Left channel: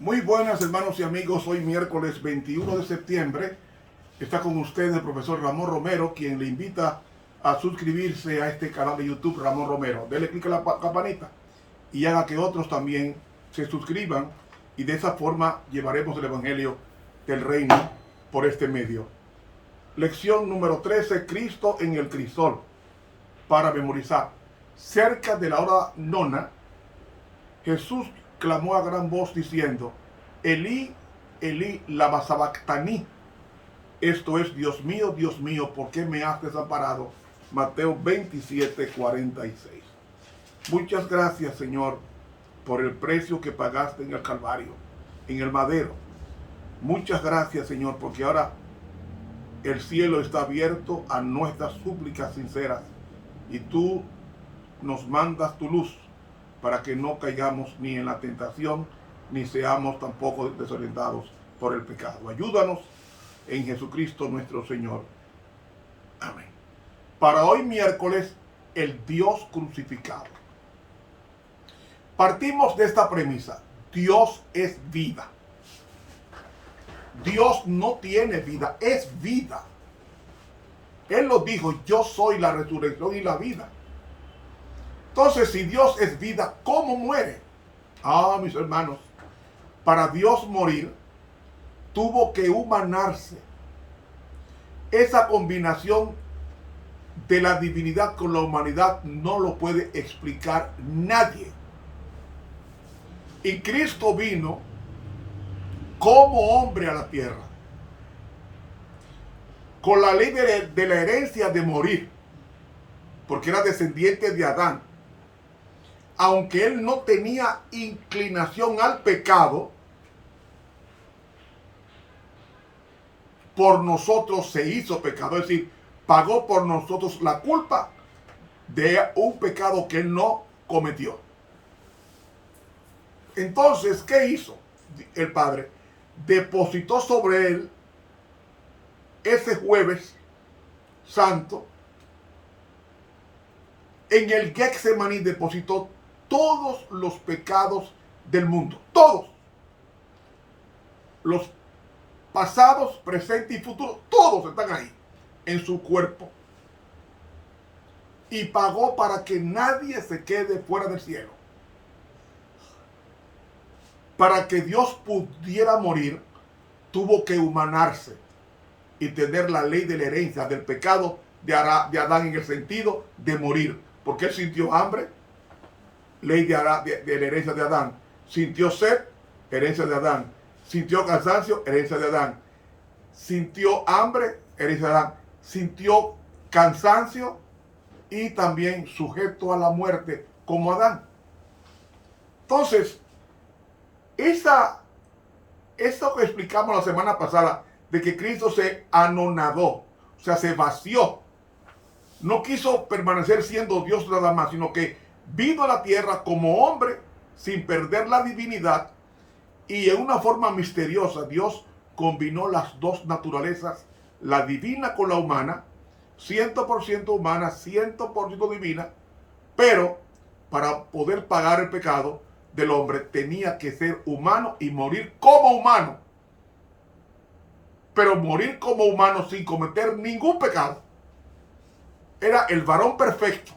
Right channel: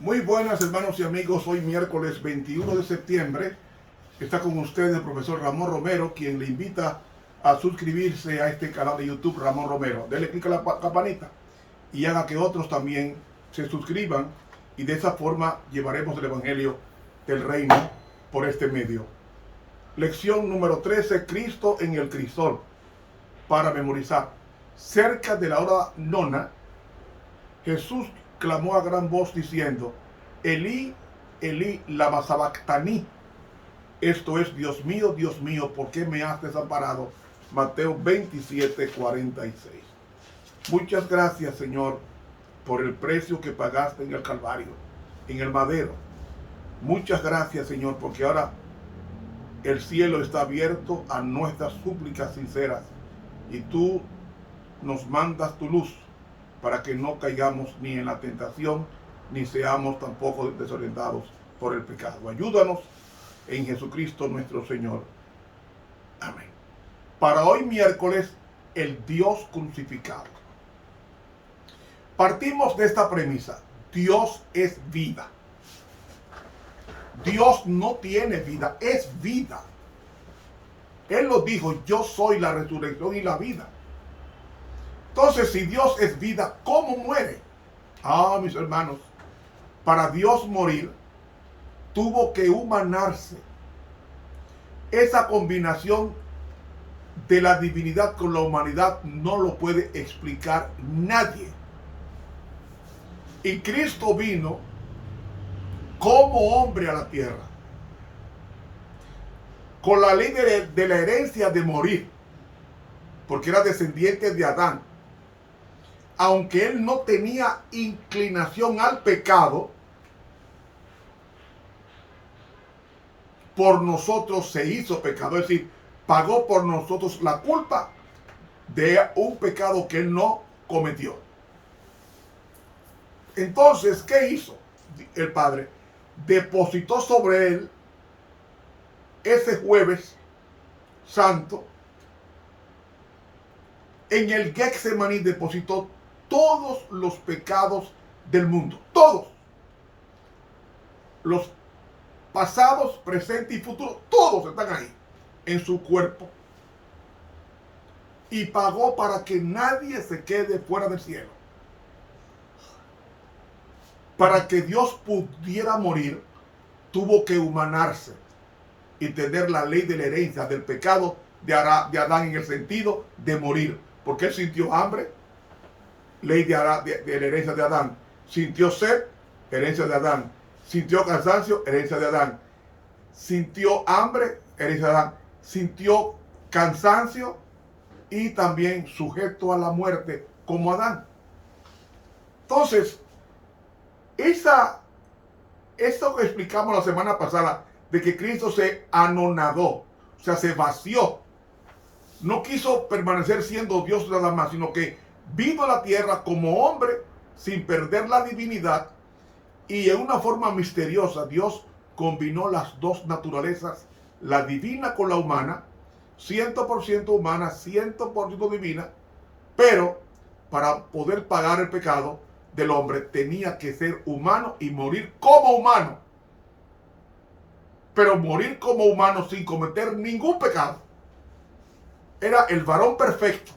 Muy buenas hermanos y amigos, hoy miércoles 21 de septiembre está con ustedes el profesor Ramón Romero, quien le invita a suscribirse a este canal de YouTube Ramón Romero. Dele clic a la campanita y haga que otros también se suscriban y de esa forma llevaremos el Evangelio del Reino por este medio. Lección número 13, Cristo en el crisol, para memorizar. Cerca de la hora nona, Jesús clamó a gran voz diciendo: Elí, Elí, lama sabactani. Esto es: Dios mío, ¿por qué me has desamparado? Mateo 27, 46. Muchas gracias, Señor, por el precio que pagaste en el Calvario, en el madero. Muchas gracias, Señor, porque ahora el cielo está abierto a nuestras súplicas sinceras y tú nos mandas tu luz para que no caigamos ni en la tentación, ni seamos tampoco desorientados por el pecado. Ayúdanos en Jesucristo nuestro Señor. Amén. Para hoy miércoles, el Dios crucificado. Partimos de esta premisa: Dios es vida. Dios no tiene vida, es vida. Él lo dijo: yo soy la resurrección y la vida. Entonces, si Dios es vida, ¿cómo muere? Mis hermanos, para Dios morir, tuvo que humanarse. Esa combinación de la divinidad con la humanidad no lo puede explicar nadie. Y Cristo vino como hombre a la tierra, con la ley de la herencia de morir, porque era descendiente de Adán. Aunque él no tenía inclinación al pecado, por nosotros se hizo pecado, es decir, pagó por nosotros la culpa de un pecado que él no cometió. Entonces, ¿qué hizo el Padre? Depositó sobre él ese jueves santo. En el Getsemaní depositó todos los pecados del mundo, todos, los pasados, presentes y futuros, todos están ahí en su cuerpo, y pagó para que nadie se quede fuera del cielo. Para que Dios pudiera morir, tuvo que humanarse y tener la ley de la herencia del pecado de Adán, en el sentido de morir, porque él sintió hambre, ley de la herencia de Adán; sintió sed, herencia de Adán; sintió cansancio, herencia de Adán; sintió hambre, herencia de Adán; sintió cansancio y también sujeto a la muerte como Adán. Entonces, eso que explicamos la semana pasada, de que Cristo se anonadó, o sea, se vació, no quiso permanecer siendo Dios nada más, sino que vino a la tierra como hombre sin perder la divinidad, y en una forma misteriosa Dios combinó las dos naturalezas, la divina con la humana, 100% humana, 100% divina, pero para poder pagar el pecado del hombre tenía que ser humano y morir como humano, pero morir como humano sin cometer ningún pecado. Era el varón perfecto,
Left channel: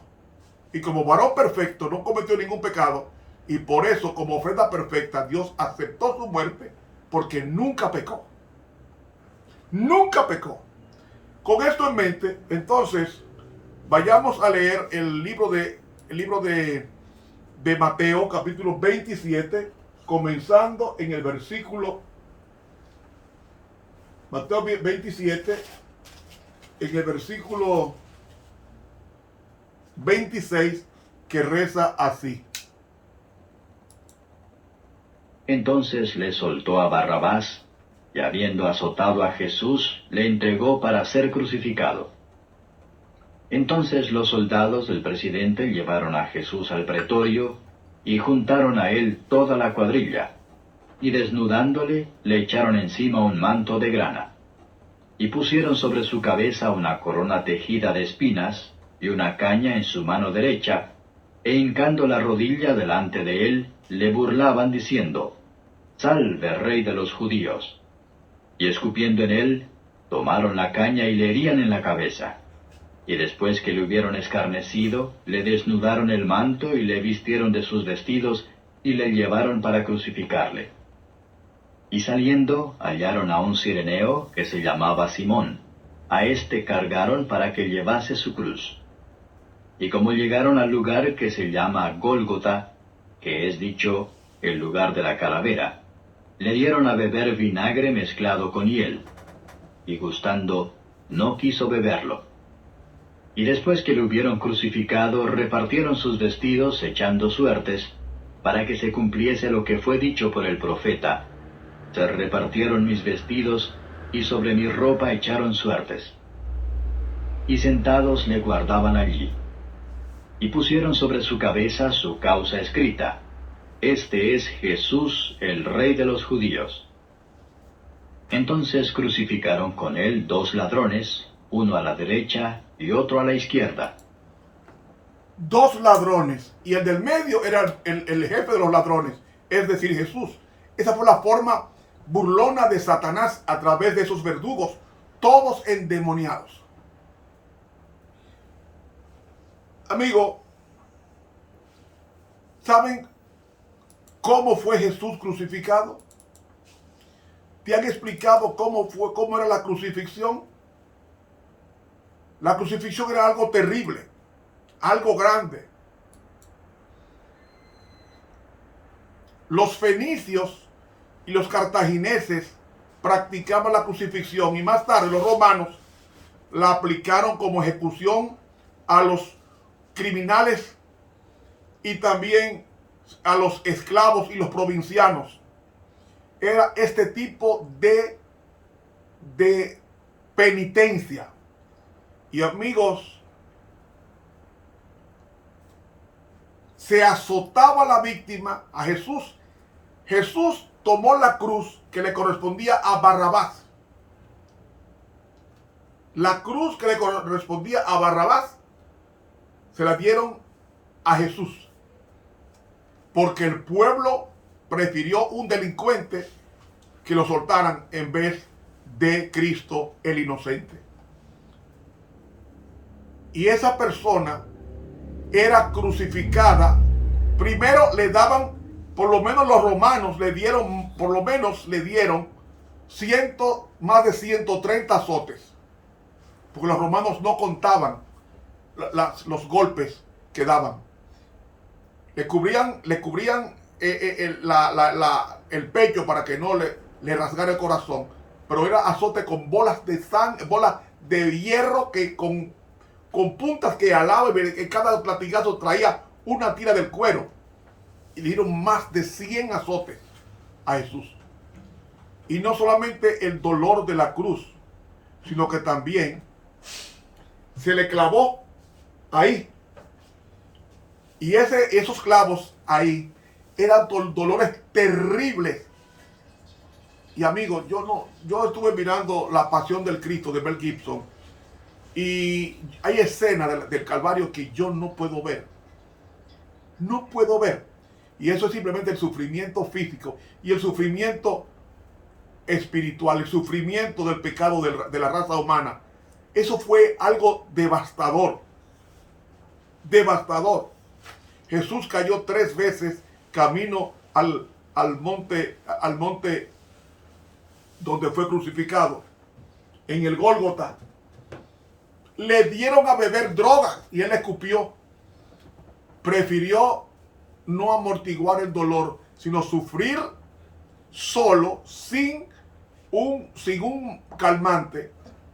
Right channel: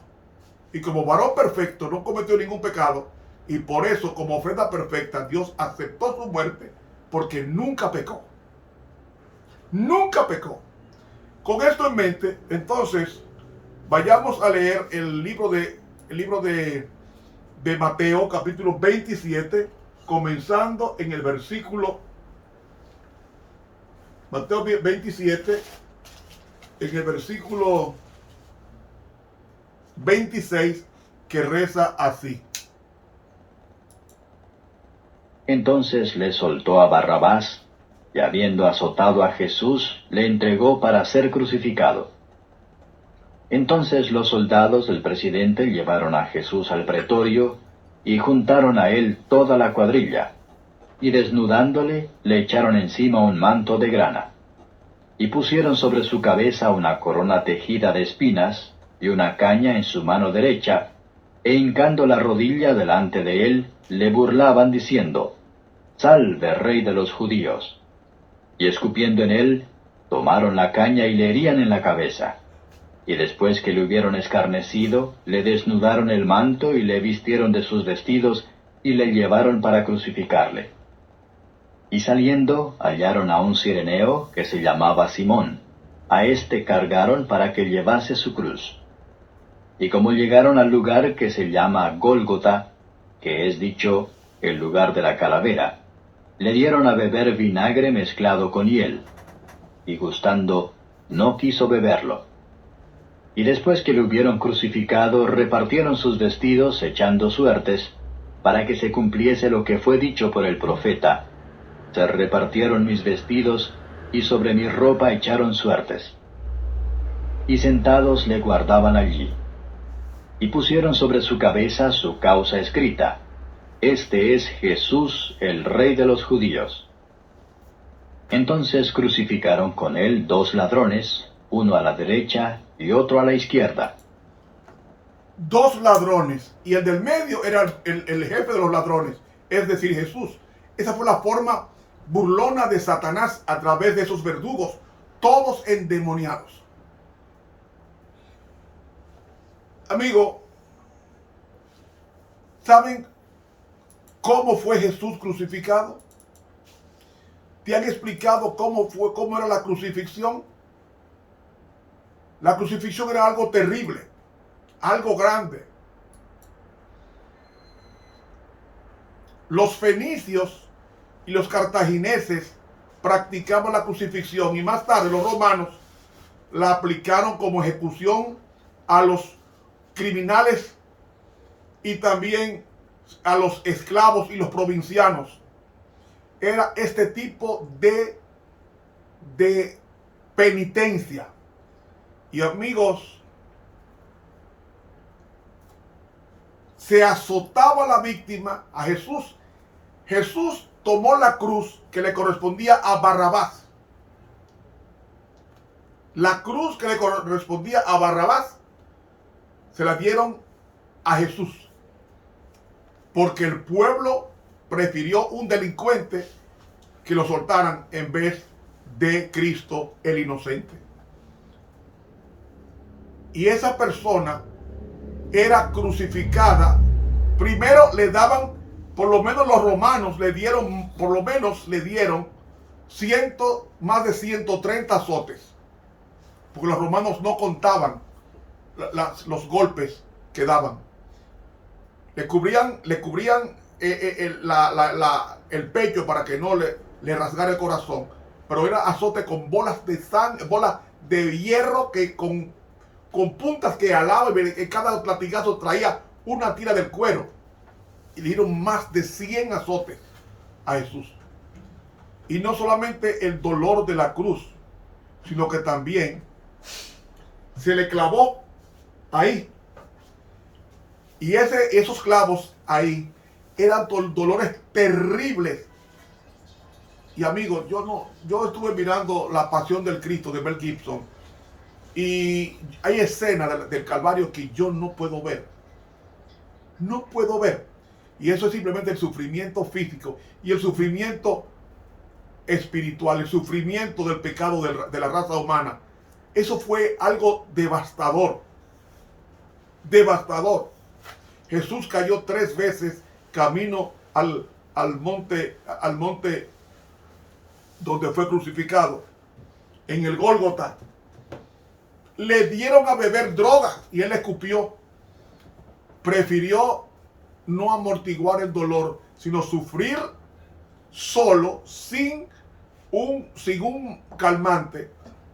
y como varón perfecto no cometió ningún pecado, y por eso, como ofrenda perfecta, Dios aceptó su muerte, porque nunca pecó. Nunca pecó. Con esto en mente, entonces, vayamos a leer el libro de Mateo, capítulo 27, comenzando en el versículo, Mateo 27, en el versículo 26, que reza así. Entonces le soltó a Barrabás, y habiendo azotado a Jesús, le entregó para ser crucificado. Entonces los soldados del presidente llevaron a Jesús al pretorio, y juntaron a él toda la cuadrilla, y desnudándole, le echaron encima un manto de grana, y pusieron sobre su cabeza una corona tejida de espinas, y una caña en su mano derecha, e hincando la rodilla delante de él, le burlaban diciendo: Salve, Rey de los judíos. Y escupiendo en él, tomaron la caña y le herían en la cabeza. Y después que le hubieron escarnecido, le desnudaron el manto y le vistieron de sus vestidos y le llevaron para crucificarle. Y saliendo, hallaron a un cireneo que se llamaba Simón. A éste cargaron para que llevase su cruz. Y como llegaron al lugar que se llama Gólgota, que es dicho el lugar de la calavera, le dieron a beber vinagre mezclado con hiel. Y gustando, no quiso beberlo. Y después que le hubieron crucificado, repartieron sus vestidos echando suertes, para que se cumpliese lo que fue dicho por el profeta. Se repartieron mis vestidos, y sobre mi ropa echaron suertes. Y sentados le guardaban allí. Y pusieron sobre su cabeza su causa escrita: Este es Jesús, el Rey de los judíos. Entonces crucificaron con él 2 ladrones, uno a la derecha y otro a la izquierda. 2 ladrones, y el del medio era el jefe de los ladrones, es decir, Jesús. Esa fue la forma burlona de Satanás a través de esos verdugos, todos endemoniados. Amigo, ¿saben cómo fue Jesús crucificado? ¿Te han explicado cómo era la crucifixión? La crucifixión era algo terrible, algo grande. Los fenicios y los cartagineses practicaban la crucifixión y más tarde los romanos la aplicaron como ejecución a los criminales y también a los esclavos y los provincianos. Era este tipo de penitencia. Y amigos, se azotaba a la víctima, a Jesús. Jesús tomó la cruz que le correspondía a Barrabás. La cruz que le correspondía a Barrabás se la dieron a Jesús, porque el pueblo prefirió un delincuente que lo soltaran en vez de Cristo el inocente. Y esa persona era crucificada. Primero le daban, por lo menos los romanos le dieron más de 130 azotes, porque los romanos no contaban los golpes que daban. Le cubrían el pecho para que no le rasgara el corazón, pero era azote con bolas de sangre, bolas de hierro que con puntas que alaba, y cada latigazo traía una tira del cuero. Y le dieron más de 100 azotes a Jesús. Y no solamente el dolor de la cruz, sino que también se le clavó ahí. Y esos clavos ahí eran dolores terribles. Y amigos, yo estuve mirando La Pasión del Cristo de Mel Gibson, y hay escenas del Calvario que yo no puedo ver. No puedo ver. Y eso es simplemente el sufrimiento físico y el sufrimiento espiritual, el sufrimiento del pecado de la raza humana. Eso fue algo devastador. Devastador. Jesús cayó 3 veces camino al monte donde fue crucificado, en el Gólgota. Le dieron a beber droga y él escupió. Prefirió no amortiguar el dolor, sino sufrir solo, sin un calmante,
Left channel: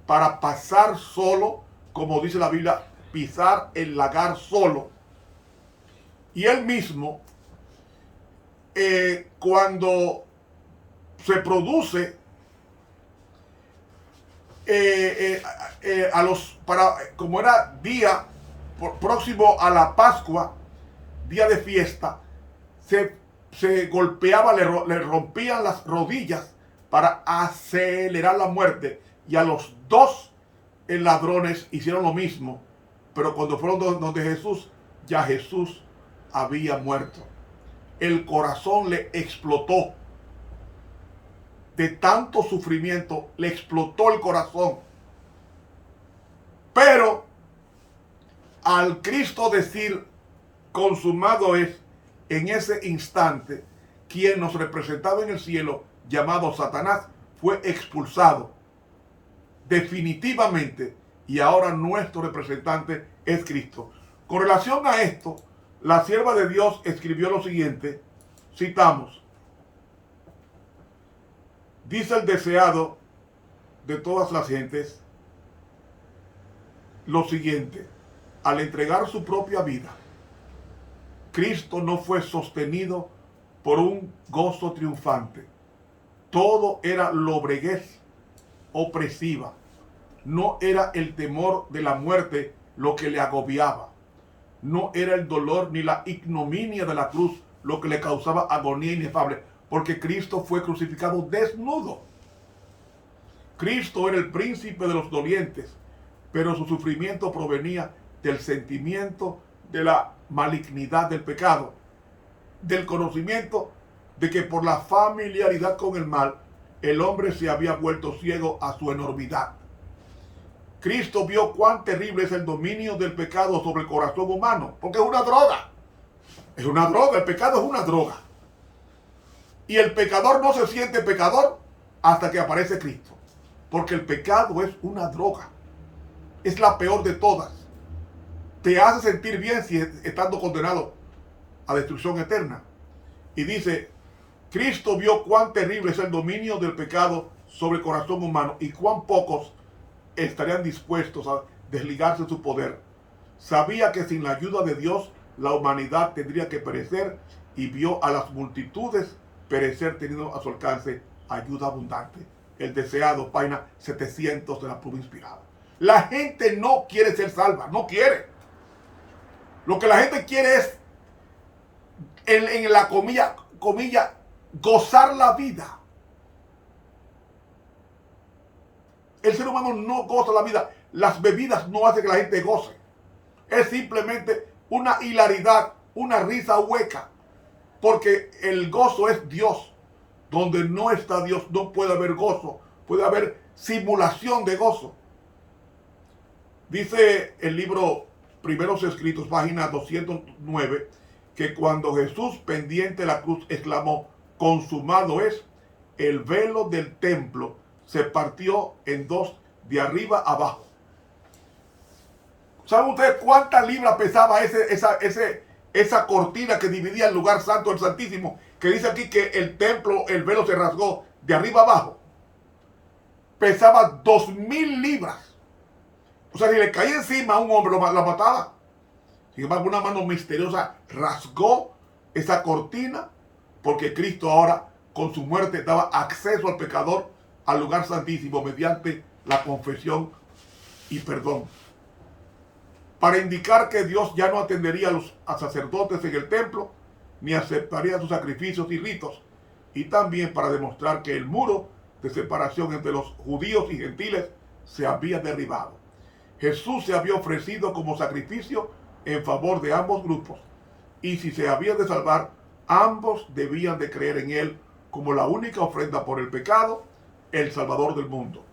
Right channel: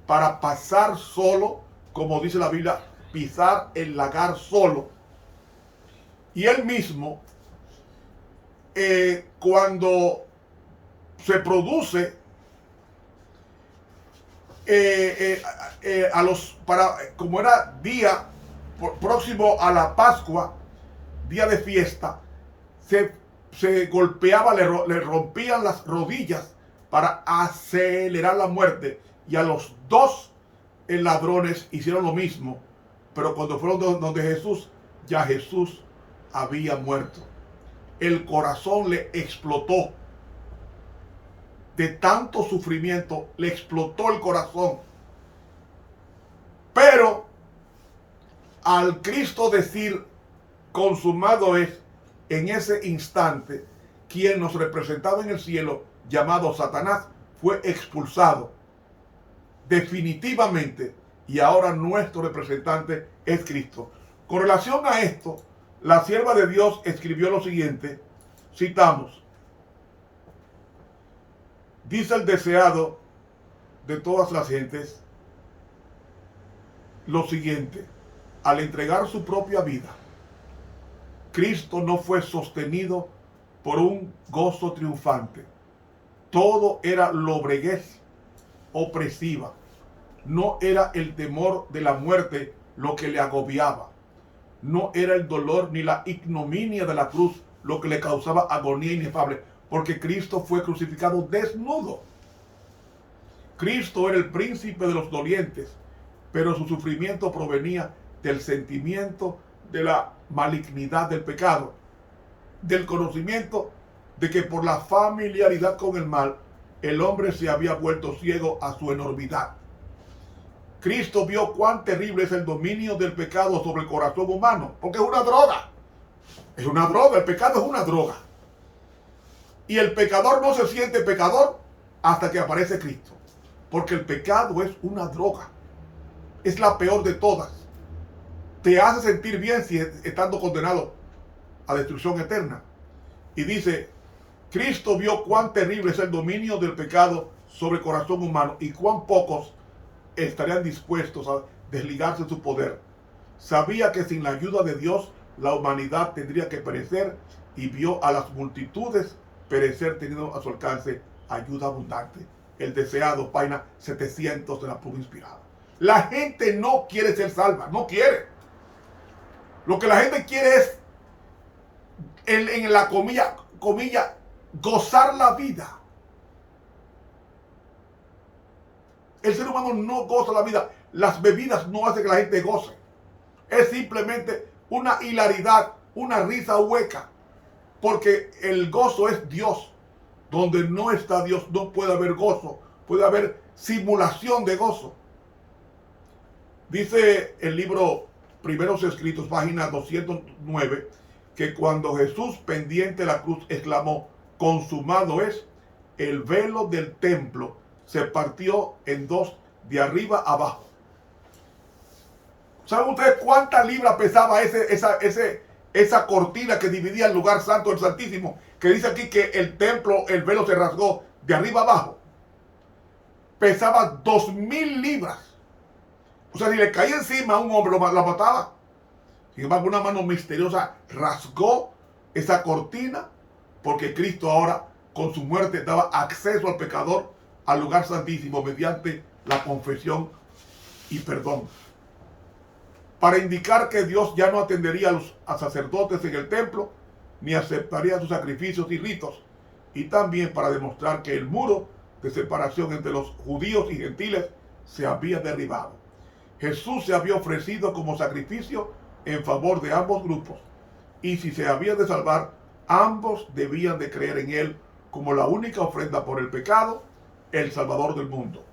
para pasar solo, como dice la Biblia, pisar el lagar solo. Y él mismo, cuando se produce como era día próximo a la Pascua, día de fiesta, se golpeaba, le rompían las rodillas para acelerar la muerte. Y a los 2 ladrones hicieron lo mismo, pero cuando fueron donde Jesús, ya Jesús había muerto. El corazón le explotó. de tanto sufrimiento, le explotó el corazón. Pero al Cristo decir consumado es, en ese instante, quien nos representaba en el cielo, llamado Satanás, fue expulsado definitivamente, y ahora nuestro representante es Cristo. Con relación a esto, la sierva de Dios escribió lo siguiente, citamos: dice el deseado de todas las gentes lo siguiente: al entregar su propia vida, Cristo no fue sostenido por un gozo triunfante. Todo era lobreguez opresiva. No era el temor de la muerte lo que le agobiaba. No era el dolor ni la ignominia de la cruz lo que le causaba agonía inefable, porque Cristo fue crucificado desnudo. Cristo era el príncipe de los dolientes, pero su sufrimiento provenía del sentimiento de la malignidad del pecado, del conocimiento de que por la familiaridad con el mal, el hombre se había vuelto ciego a su enormidad. Cristo vio cuán terrible es el dominio del pecado sobre el corazón humano, porque es una droga. Es una droga, el pecado es una droga. Y el pecador no se siente pecador hasta que aparece Cristo, porque el pecado es una droga. Es la peor de todas. Te hace sentir bien si estando condenado a destrucción eterna. Y dice, Cristo vio cuán terrible es el dominio del pecado sobre el corazón humano y cuán pocos estarían dispuestos a desligarse de su poder. Sabía que sin la ayuda de Dios la humanidad tendría que perecer y vio a las multitudes perecer teniendo a su alcance ayuda abundante. El deseado, página 700 de la Pluma Inspirada. La gente no quiere ser salva, no quiere. Lo que la gente quiere es, en la comilla, gozar la vida. El ser humano no goza la vida. Las bebidas no hacen que la gente goce. Es simplemente una hilaridad, una risa hueca. Porque el gozo es Dios. Donde no está Dios no puede haber gozo. Puede haber simulación de gozo. Dice el libro Primeros Escritos, página 209, que cuando Jesús pendiente de la cruz exclamó, consumado es, el velo del templo se partió en dos de arriba a abajo. ¿Saben ustedes cuántas libras pesaba esa cortina que dividía el lugar santo del Santísimo? Que dice aquí que el templo, el velo se rasgó de arriba a abajo. Pesaba 2000 libras. O sea, si le caía encima a un hombre, la mataba. Sin embargo, una mano misteriosa rasgó esa cortina, porque Cristo ahora, con su muerte, daba acceso al pecador al lugar santísimo mediante la confesión y perdón. Para indicar que Dios ya no atendería a sacerdotes en el templo, ni aceptaría sus sacrificios y ritos, y también para demostrar que el muro de separación entre los judíos y gentiles se había derribado. Jesús se había ofrecido como sacrificio en favor de ambos grupos, y si se había de salvar, ambos debían de creer en Él como la única ofrenda por el pecado, el Salvador del mundo.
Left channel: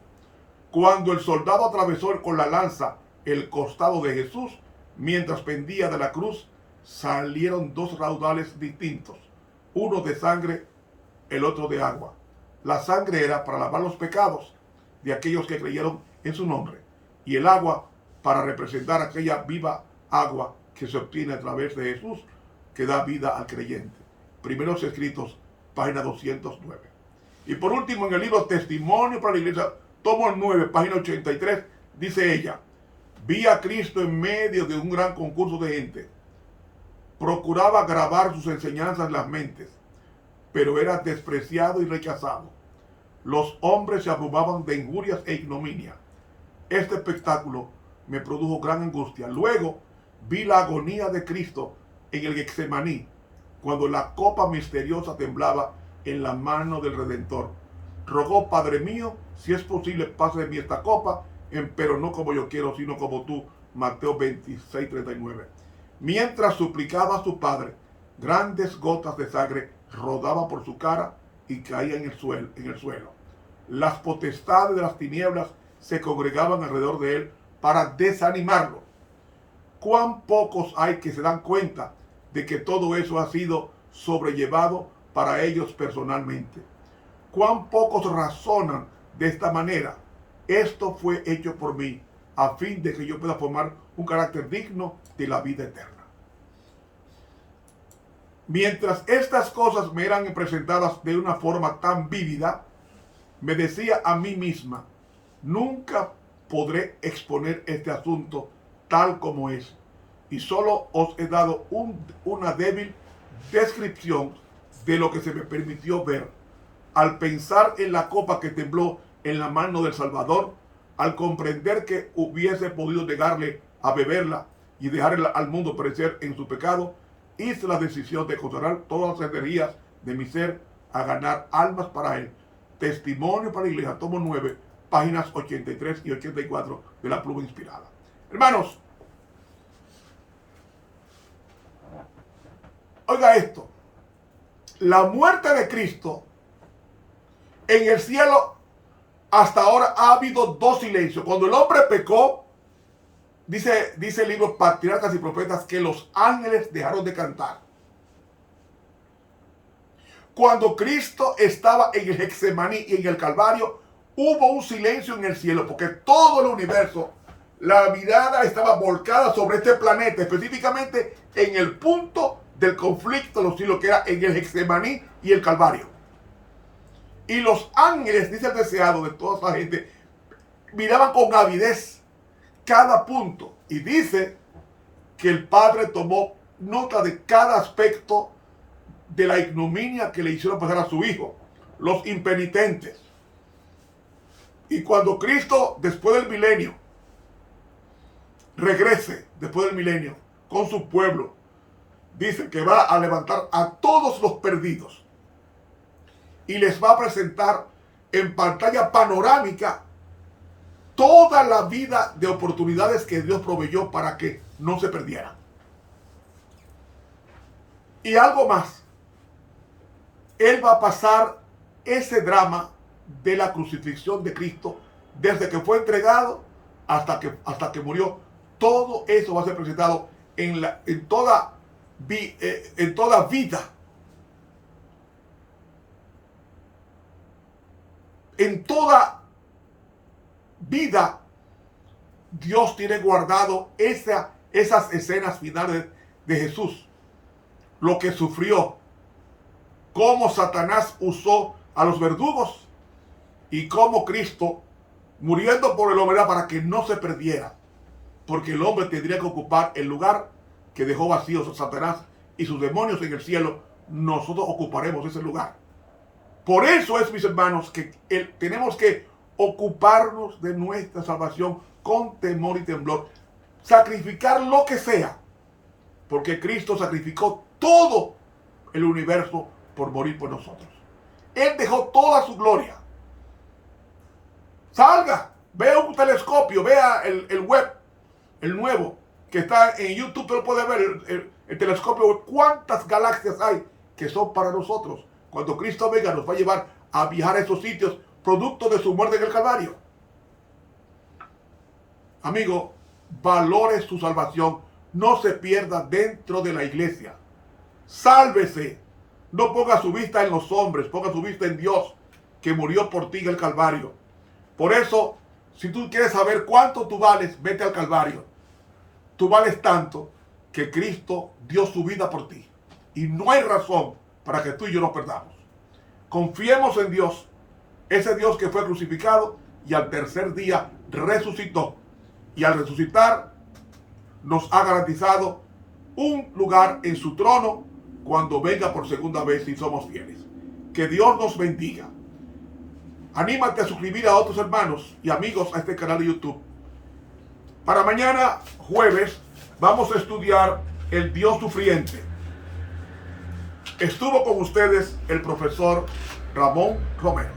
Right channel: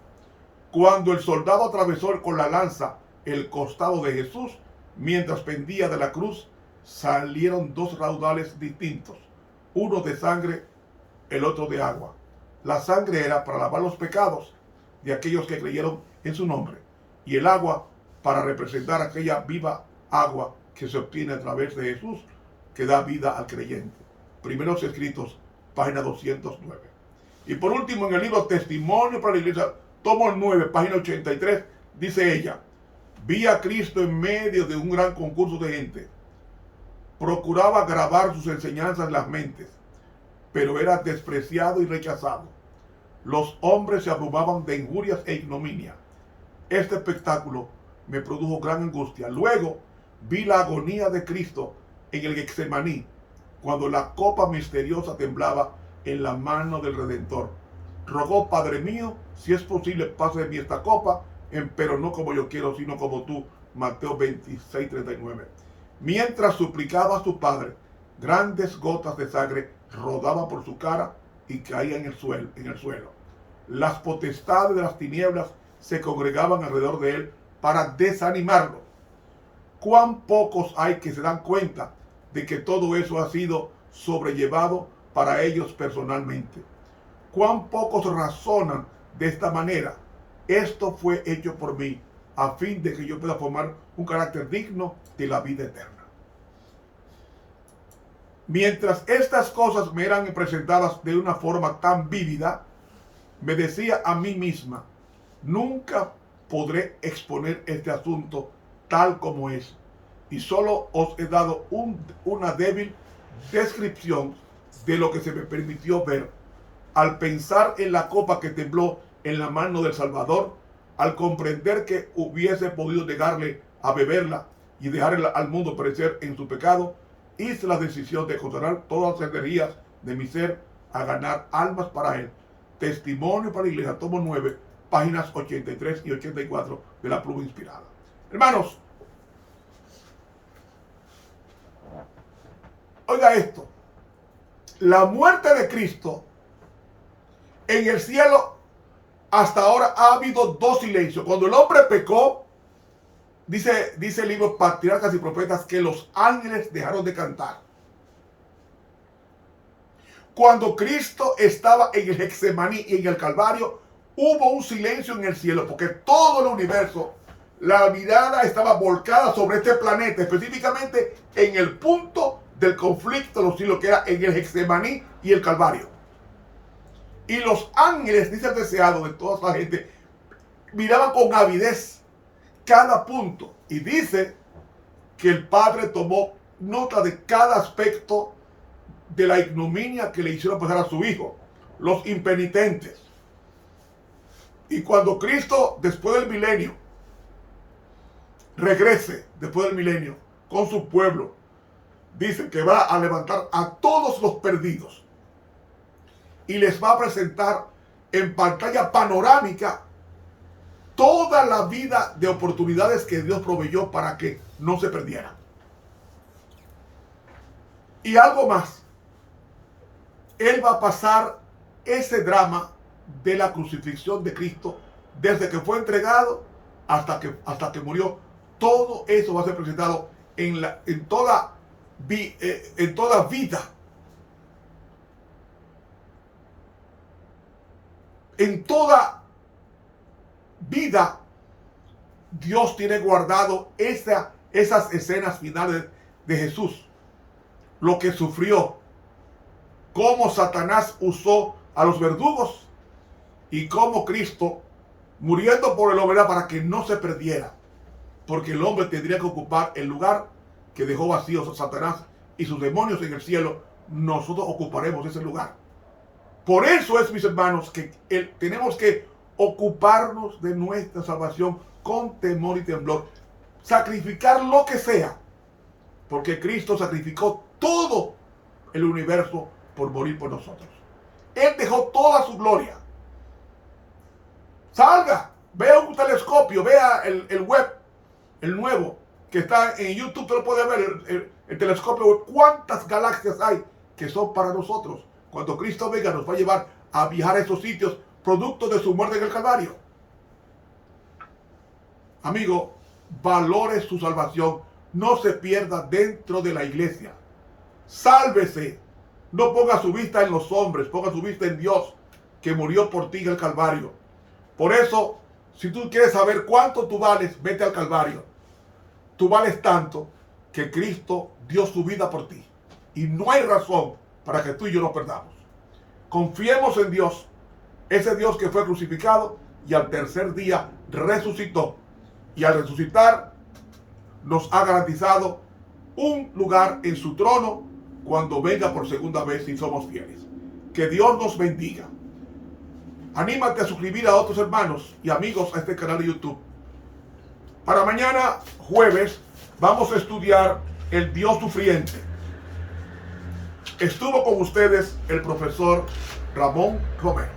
Cuando el soldado atravesó con la lanza el costado de Jesús, mientras pendía de la cruz, salieron dos raudales distintos, uno de sangre, el otro de agua. La sangre era para lavar los pecados de aquellos que creyeron en su nombre, y el agua para representar aquella viva agua que se obtiene a través de Jesús, que da vida al creyente. Primeros Escritos, página 209. Y por último, en el libro Testimonio para la Iglesia, tomo el 9, página 83, dice ella, vi a Cristo en medio de un gran concurso de gente. Procuraba grabar sus enseñanzas en las mentes, pero era despreciado y rechazado. Los hombres se abrumaban de injurias e ignominia. Este espectáculo me produjo gran angustia. Luego vi la agonía de Cristo en el Getsemaní, cuando la copa misteriosa temblaba en la mano del Redentor. Rogó, Padre mío, si es posible, pase de mí esta copa, pero no como yo quiero, sino como tú. Mateo 26, 39. Mientras suplicaba a su Padre, grandes gotas de sangre rodaban por su cara y caían en el suelo. las potestades de las tinieblas se congregaban alrededor de él para desanimarlo. ¿Cuán pocos hay que se dan cuenta de que todo eso ha sido sobrellevado para ellos personalmente? ¿Cuán pocos razonan de esta manera? Esto fue hecho por mí, a fin de que yo pueda formar un carácter digno de la vida eterna. Mientras estas cosas me eran presentadas de una forma tan vívida, me decía a mí misma, nunca podré exponer este asunto tal como es, y solo os he dado una débil descripción de lo que se me permitió ver. Al pensar en la copa que tembló en la mano del Salvador, al comprender que hubiese podido negarle a beberla y dejar al mundo perecer en su pecado, hice la decisión de consagrar todas las energías de mi ser a ganar almas para él. Testimonio para la Iglesia, tomo 9, páginas 83 y 84 de la pluma inspirada. Hermanos, oiga esto. La muerte de Cristo en el cielo, hasta ahora ha habido dos silencios. Cuando el hombre pecó, dice el libro Patriarcas y Profetas, que los ángeles dejaron de cantar. Cuando Cristo estaba en el Getsemaní y en el Calvario, hubo un silencio en el cielo, porque todo el universo, la mirada estaba volcada sobre este planeta, específicamente en el punto del conflicto de los siglos, que era en el Getsemaní y el Calvario. Y los ángeles, dice el deseado de toda esa gente, miraban con avidez cada punto. Y dice que el Padre tomó nota de cada aspecto de la ignominia que le hicieron pasar a su hijo, los impenitentes. Y cuando Cristo, después del milenio, regrese, después del milenio, con su pueblo, dice que va a levantar a todos los perdidos y les va a presentar en pantalla panorámica toda la vida de oportunidades que Dios proveyó para que no se perdieran. Y algo más, Él va a pasar ese drama de la crucifixión de Cristo desde que fue entregado hasta que murió. Todo eso va a ser presentado en toda vida. En toda vida, Dios tiene guardado esas escenas finales de Jesús. Lo que sufrió, cómo Satanás usó a los verdugos y cómo Cristo, muriendo por el hombre, para que no se perdiera. Porque el hombre tendría que ocupar el lugar que dejó vacío Satanás y sus demonios en el cielo. Nosotros ocuparemos ese lugar. Por eso es, mis hermanos, que tenemos que ocuparnos de nuestra salvación con temor y temblor. Sacrificar lo que sea. Porque Cristo sacrificó todo el universo por morir por nosotros. Él dejó toda su gloria. Salga, vea un telescopio, vea el web, el nuevo, que está en YouTube. Usted lo puede ver, el telescopio web. ¿Cuántas galaxias hay que son para nosotros? Cuando Cristo venga, nos va a llevar a viajar a esos sitios, producto de su muerte en el Calvario. Amigo, valore su salvación. No se pierda dentro de la iglesia. Sálvese. No ponga su vista en los hombres, ponga su vista en Dios, que murió por ti en el Calvario. Por eso, si tú quieres saber cuánto tú vales, vete al Calvario. Tú vales tanto que Cristo dio su vida por ti. Y no hay razón para que tú y yo nos perdamos. Confiemos en Dios, ese Dios que fue crucificado y al tercer día resucitó. Y al resucitar nos ha garantizado un lugar en su trono cuando venga por segunda vez si somos fieles. Que Dios nos bendiga. Anímate a suscribir a otros hermanos y amigos a este canal de YouTube. Para mañana, jueves, vamos a estudiar el Dios sufriente. Estuvo con ustedes el profesor Ramón Romero.